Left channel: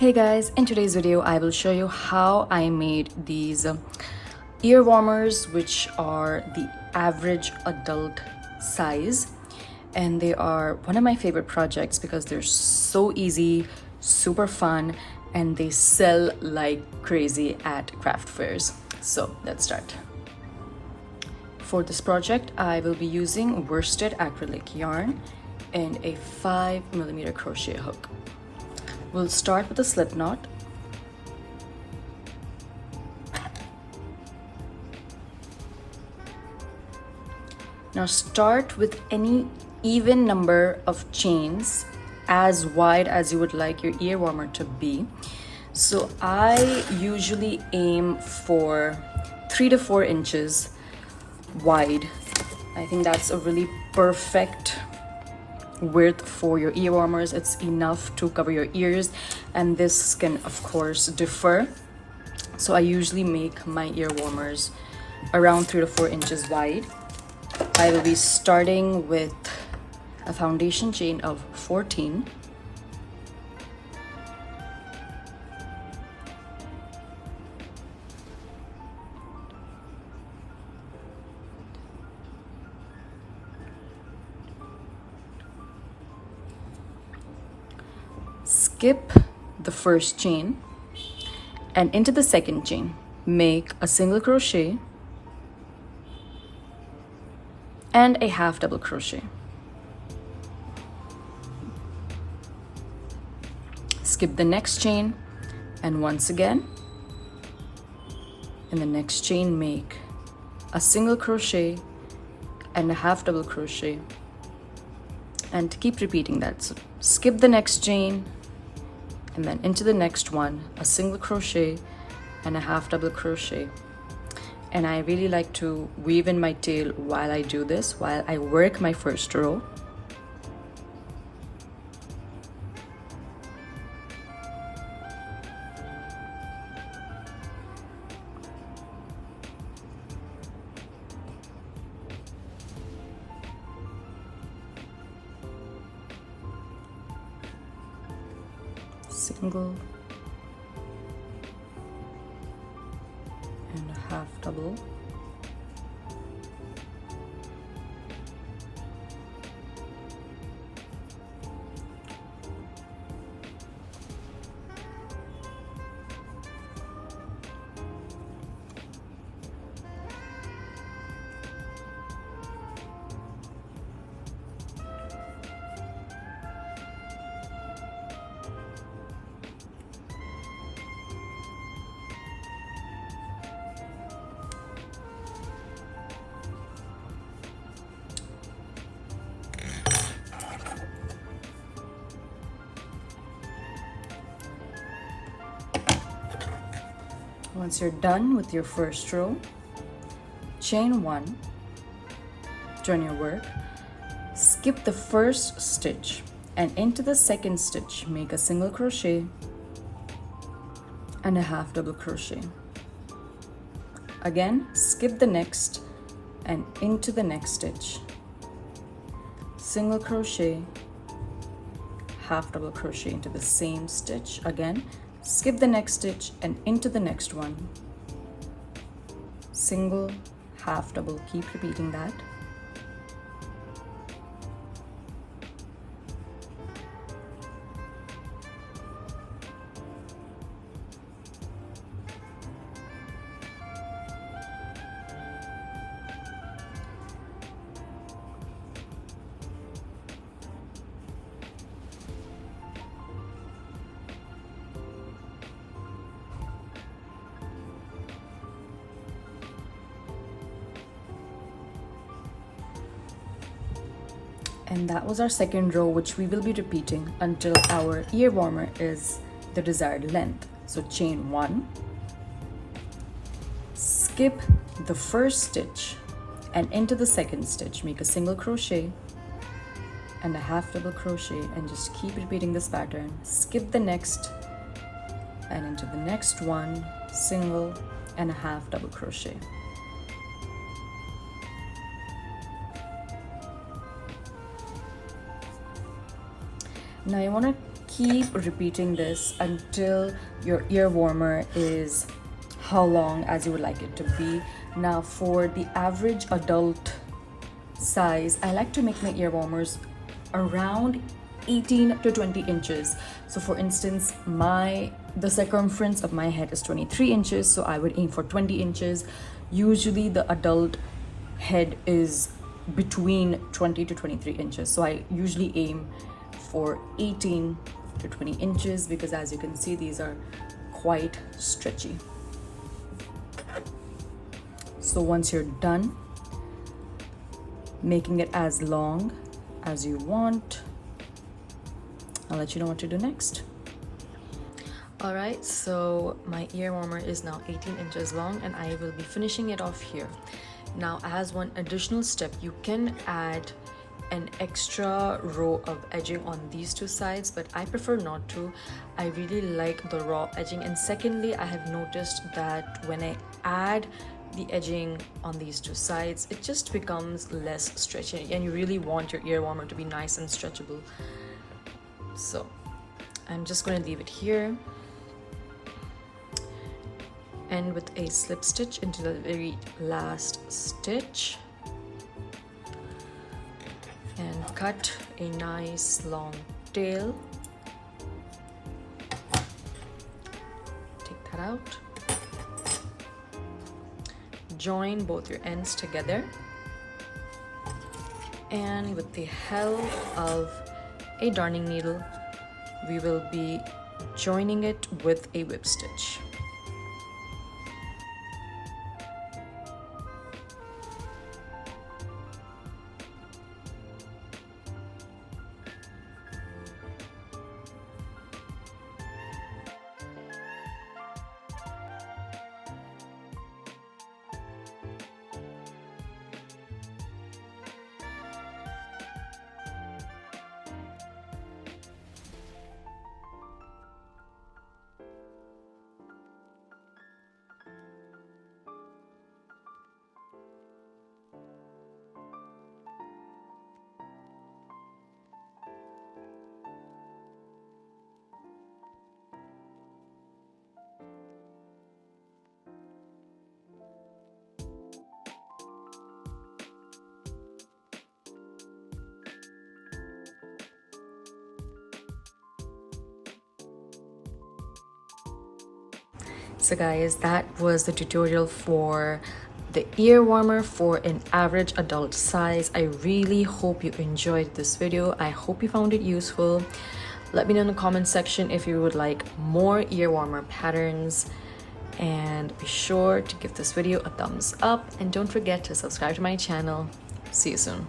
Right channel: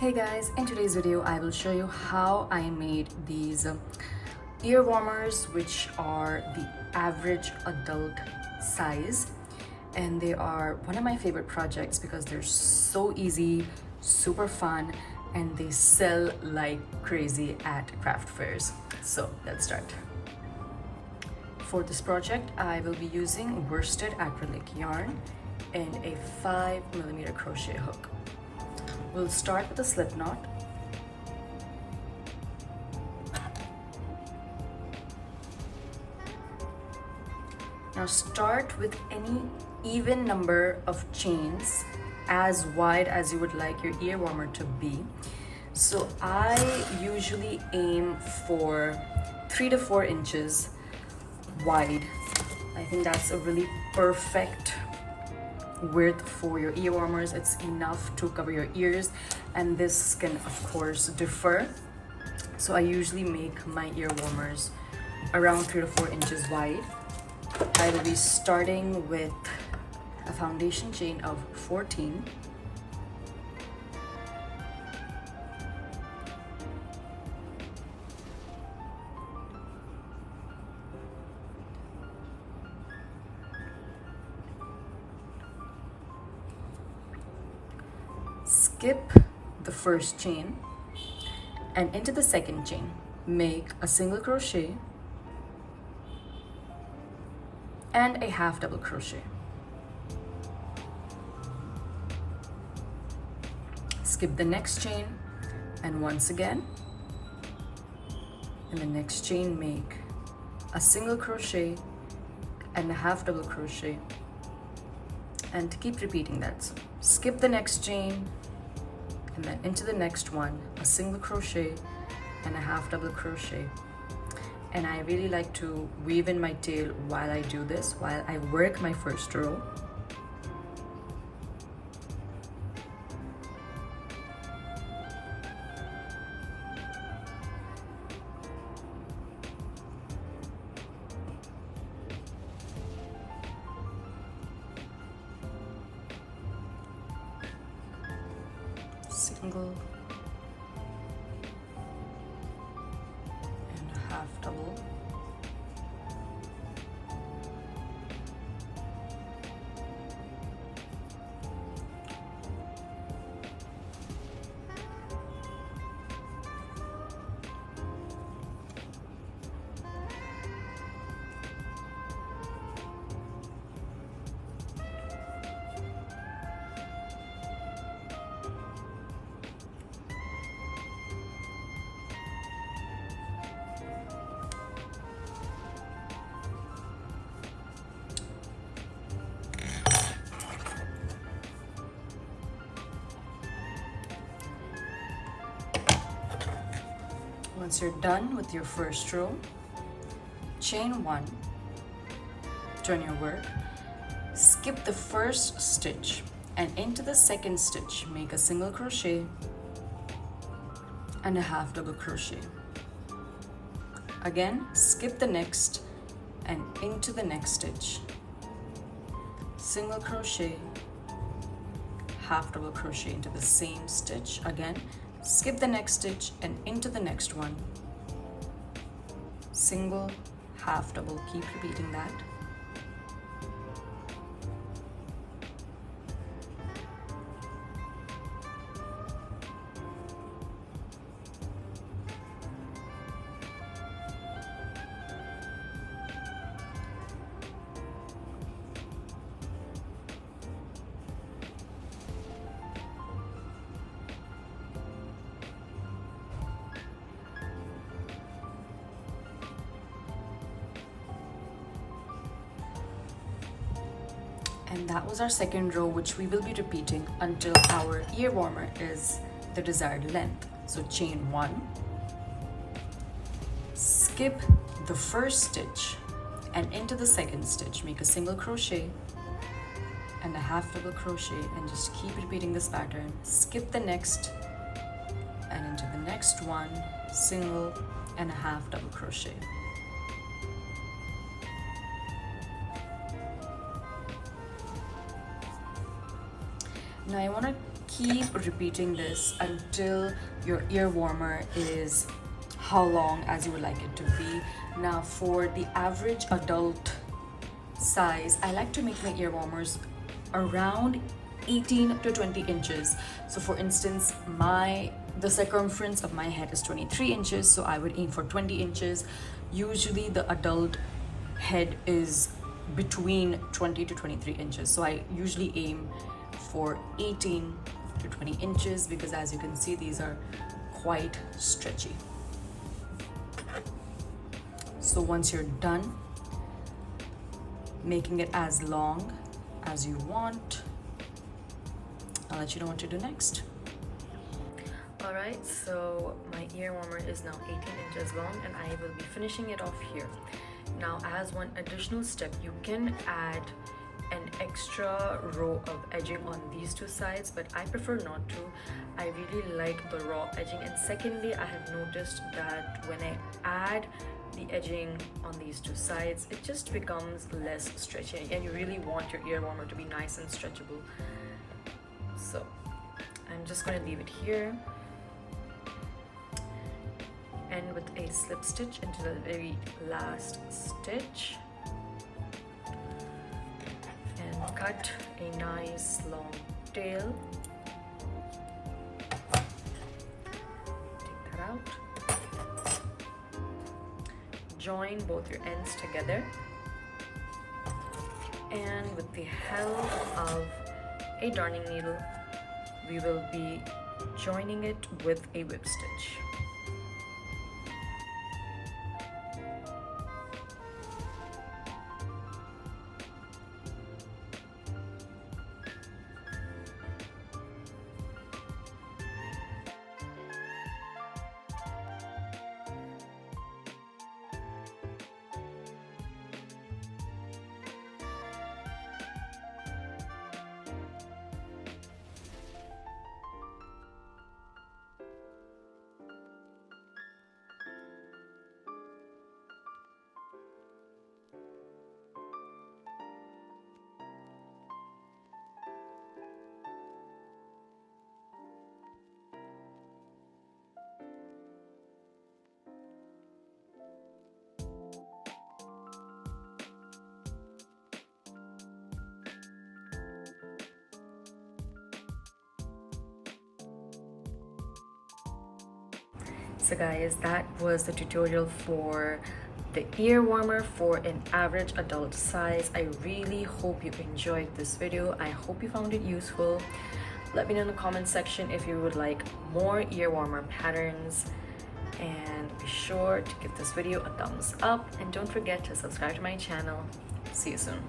Hey guys, in today's video I will show you how I made these ear warmers, which are the average adult size, and they are one of my favorite projects because they're so easy, super fun, and they sell like crazy at craft fairs. So let's start. For this project I will be using worsted acrylic yarn and a 5mm crochet hook. We'll start with a slip knot. Now start with any even number of chains as wide as you would like your ear warmer to be. So I usually aim for 3 to 4 inches wide. I think that's a really perfect width for your ear warmers. It's enough to cover your ears, and this can of course differ. So I usually make my ear warmers around 3 to 4 inches wide. I will be starting with a foundation chain of 14. Skip the first chain and into the second chain make a single crochet and a half double crochet. Skip the next chain and once again in the next chain make a single crochet and a half double crochet, and keep repeating that. So skip the next chain and then into the next one, a single crochet and a half double crochet. And I really like to weave in my tail while I do this, while I work my first row. Single and a half double. Once you're done with your first row, chain 1, turn your work, skip the first stitch and into the second stitch make a single crochet and a half double crochet. Again, skip the next and into the next stitch, single crochet, half double crochet into the same stitch. Again, skip the next stitch and into the next one, single, half double. Keep repeating that. And that was our second row, which we will be repeating until our ear warmer is the desired length. So chain 1, skip the first stitch and into the second stitch make a single crochet and a half double crochet, and just keep repeating this pattern. Skip the next and into the next one, single and a half double crochet. Now I want to keep repeating this until your ear warmer is how long as you would like it to be. Now for the average adult size, I like to make my ear warmers around 18 to 20 inches. So for instance, the circumference of my head is 23 inches, so I would aim for 20 inches. Usually the adult head is between 20 to 23 inches, so I usually aim for 18 to 20 inches because as you can see, these are quite stretchy. So once you're done making it as long as you want, I'll let you know what to do next. Alright, so my ear warmer is now 18 inches long and I will be finishing it off here. Now as one additional step, you can add an extra row of edging on these two sides, but I prefer not to. I really like the raw edging, and secondly, I have noticed that when I add the edging on these two sides, it just becomes less stretchy, and you really want your ear warmer to be nice and stretchable. So I'm just going to leave it here, and with a slip stitch into the very last stitch, and cut a nice long tail. Take that out. Join both your ends together, and with the help of a darning needle, we will be joining it with a whip stitch. So guys, that was the tutorial for the ear warmer for an average adult size. I really hope you enjoyed this video. I hope you found it useful. Let me know in the comment section if you would like more ear warmer patterns, and be sure to give this video a thumbs up, and don't forget to subscribe to my channel. See you soon.